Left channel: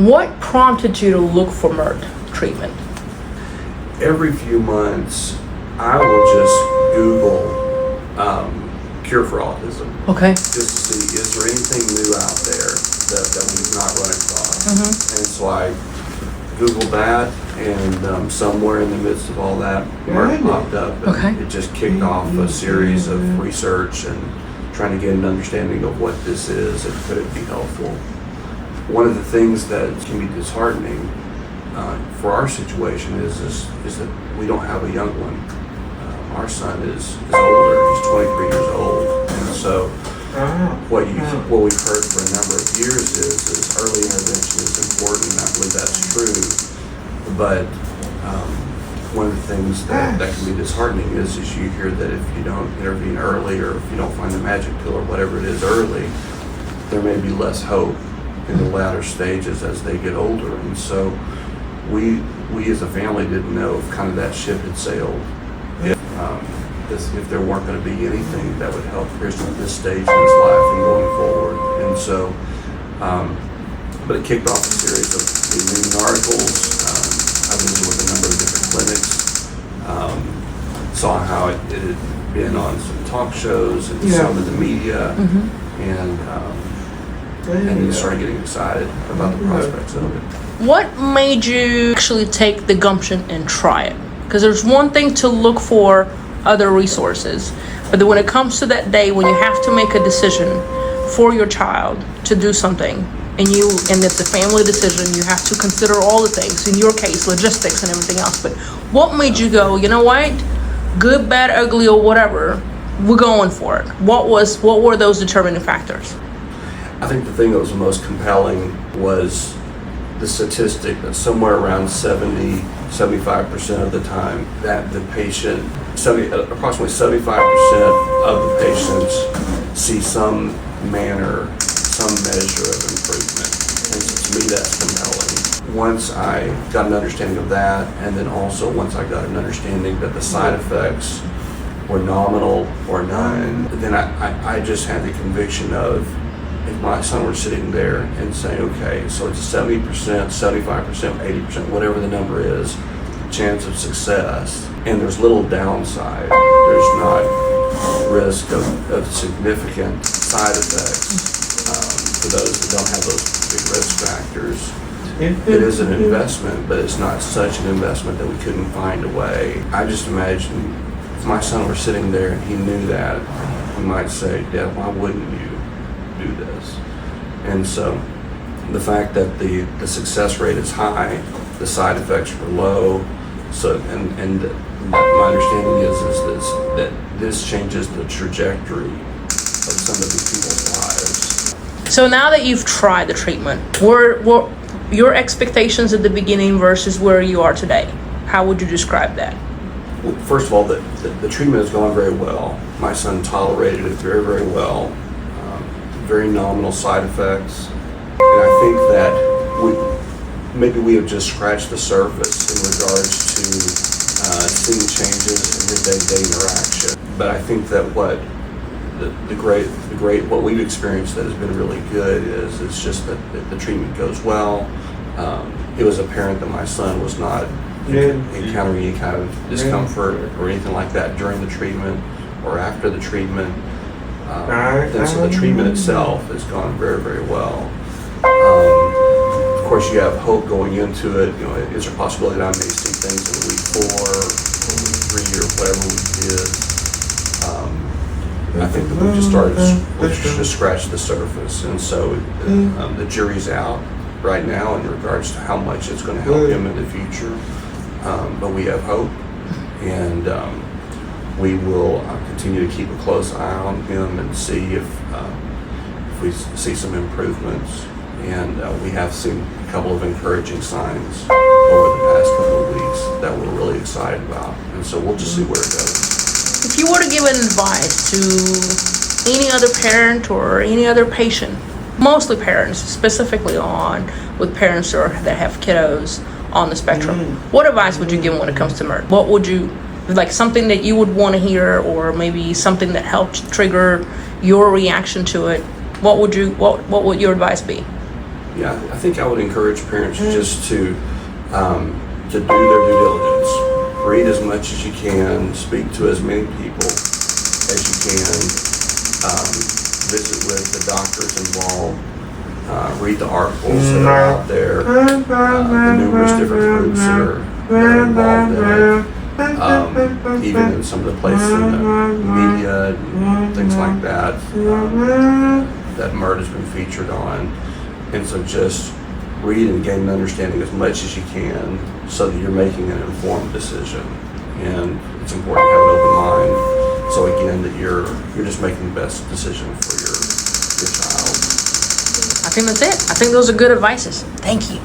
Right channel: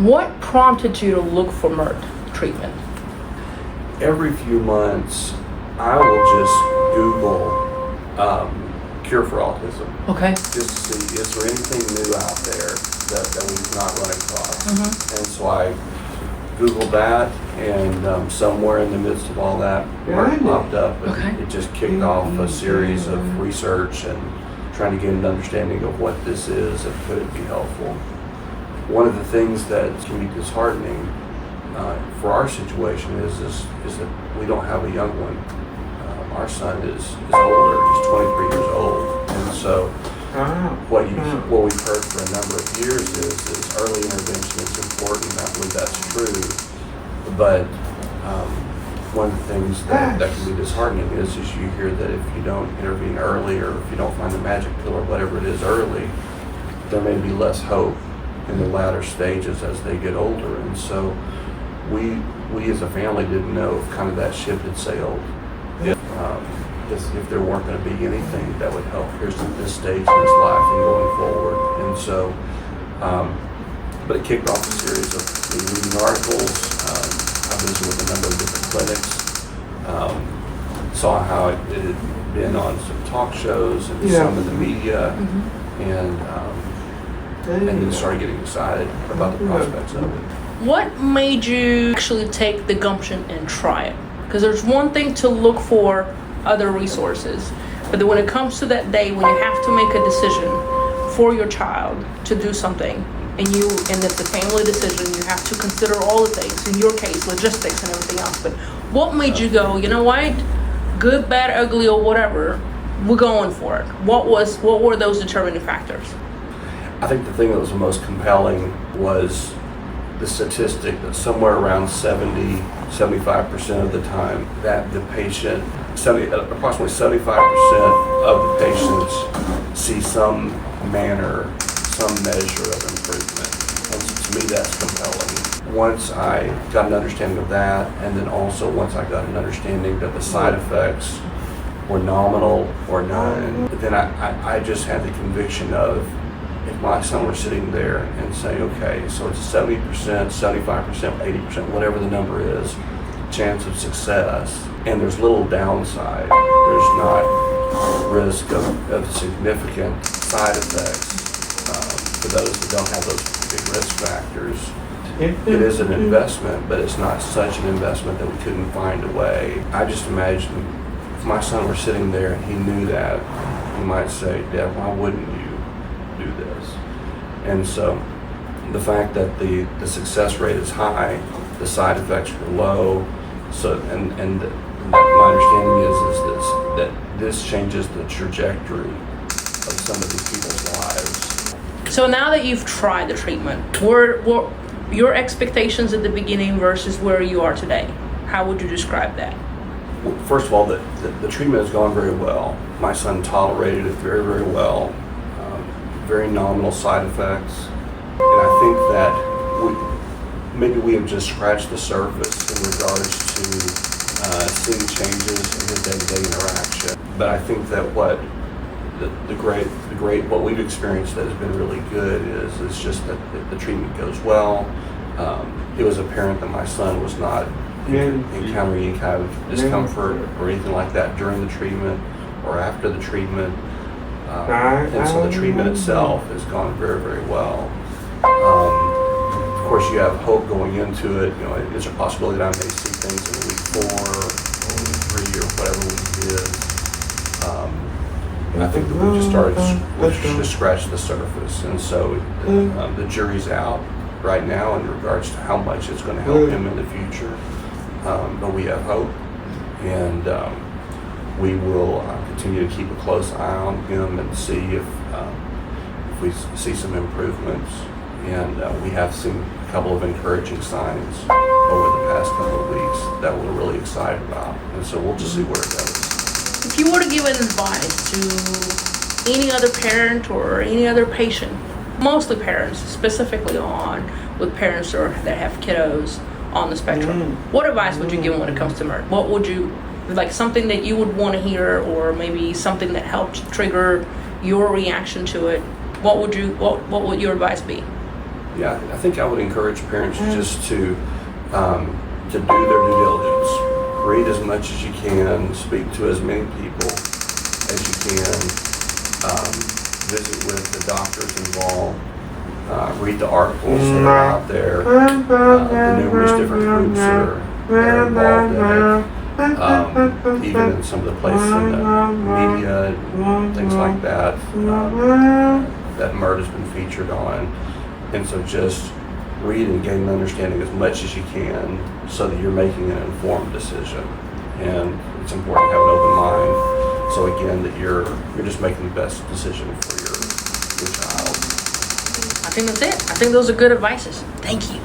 What prompted you to look for MeRT treatment? Every few months, I will just Google cure for autism. Okay. Just to see, is there anything new out there that we've not run across? And so I Googled that, and somewhere in the midst of all that, MeRT popped up, and it just kicked off a series of research and trying to get an understanding of what this is and could it be helpful. One of the things that can be disheartening for our situation is that we don't have a young one. Our son is older, he's 23 years old, and so what we've heard for a number of years is early intervention is important, and I believe that's true, but one of the things that can be disheartening is you hear that if you don't intervene early, or if you don't find the magic pill or whatever it is early, there may be less hope in the latter stages as they get older. And so we as a family didn't know if kind of that ship had sailed, if there weren't going to be anything that would help Pearson at this stage in his life and going forward. And so, but it kicked off a series of me reading articles. I visited with a number of different clinics, saw how it had been on some talk shows and some in the media, and then started getting excited about the prospects of it. What made you actually take the gumption and try it? Because there's one thing to look for other resources, but then when it comes to that day when you have to make a decision for your child to do something, and it's a family decision, you have to consider all the things, in your case, logistics and everything else. But what made you go, you know what, good, bad, ugly, or whatever, we're going for it? What were those determining factors? I think the thing that was the most compelling was the statistic that somewhere around 70-75% of the time that the patient, approximately 75% of the patients see some manner, some measure of improvement. And so to me, that's compelling. Once I got an understanding of that, and then also once I got an understanding that the side effects were nominal or none, then I just had the conviction of, if my son were sitting there and saying, okay, so it's a 70%, 75%, 80%, whatever the number is, chance of success, and there's little downside, there's not risk of significant side effects for those that don't have those big risk factors. It is an investment, but it's not such an investment that we couldn't find a way. I just imagine if my son were sitting there and he knew that, he might say, Dad, why wouldn't you do this? And so the fact that the success rate is high, the side effects were low, so and my understanding is that this changes the trajectory of some of these people's lives. So now that you've tried the treatment, what your expectations at the beginning versus where you are today? How would you describe that? Well, first of all, the treatment has gone very well. My son tolerated it very, very well. Very nominal side effects, and I think that we have just scratched the surface in regards to seeing changes in his day-to-day interaction. But I think that what we've experienced that has been really good is just that the treatment goes well. It was apparent that my son was not encountering any kind of discomfort or anything like that during the treatment or after the treatment. And so the treatment itself has gone very, very well. Of course, you have hope going into it. You know, is there a possibility that I may see things in week 4 or week 3 or whatever week it is? I think that we've just scratched the surface, and so the jury's out right now in regards to how much it's going to help him in the future. But we have hope, and we will continue to keep a close eye on him and see if we see some improvements. And we have seen a couple of encouraging signs over the past couple of weeks that we're really excited about. And so we'll just see where it goes. If you were to give an advice to any other parent or any other patient, mostly parents, specifically with parents that have kiddos on the spectrum, what advice would you give them when it comes to MeRT? What would you, like something that you would want to hear, or maybe something that helped trigger your reaction to it? What would your advice be? Yeah, I think I would encourage parents just to do their due diligence. Read as much as you can, speak to as many people as you can, visit with the doctors involved, read the articles that are out there, the numerous different groups that are involved in it, even in some of the places in the media and things like that, that MeRT has been featured on. And so just read and gain an understanding as much as you can so that you're making an informed decision. And it's important to have an open mind, so again, that you're just making the best decision for your child. I think that's it. I think those are good advices. Thank you.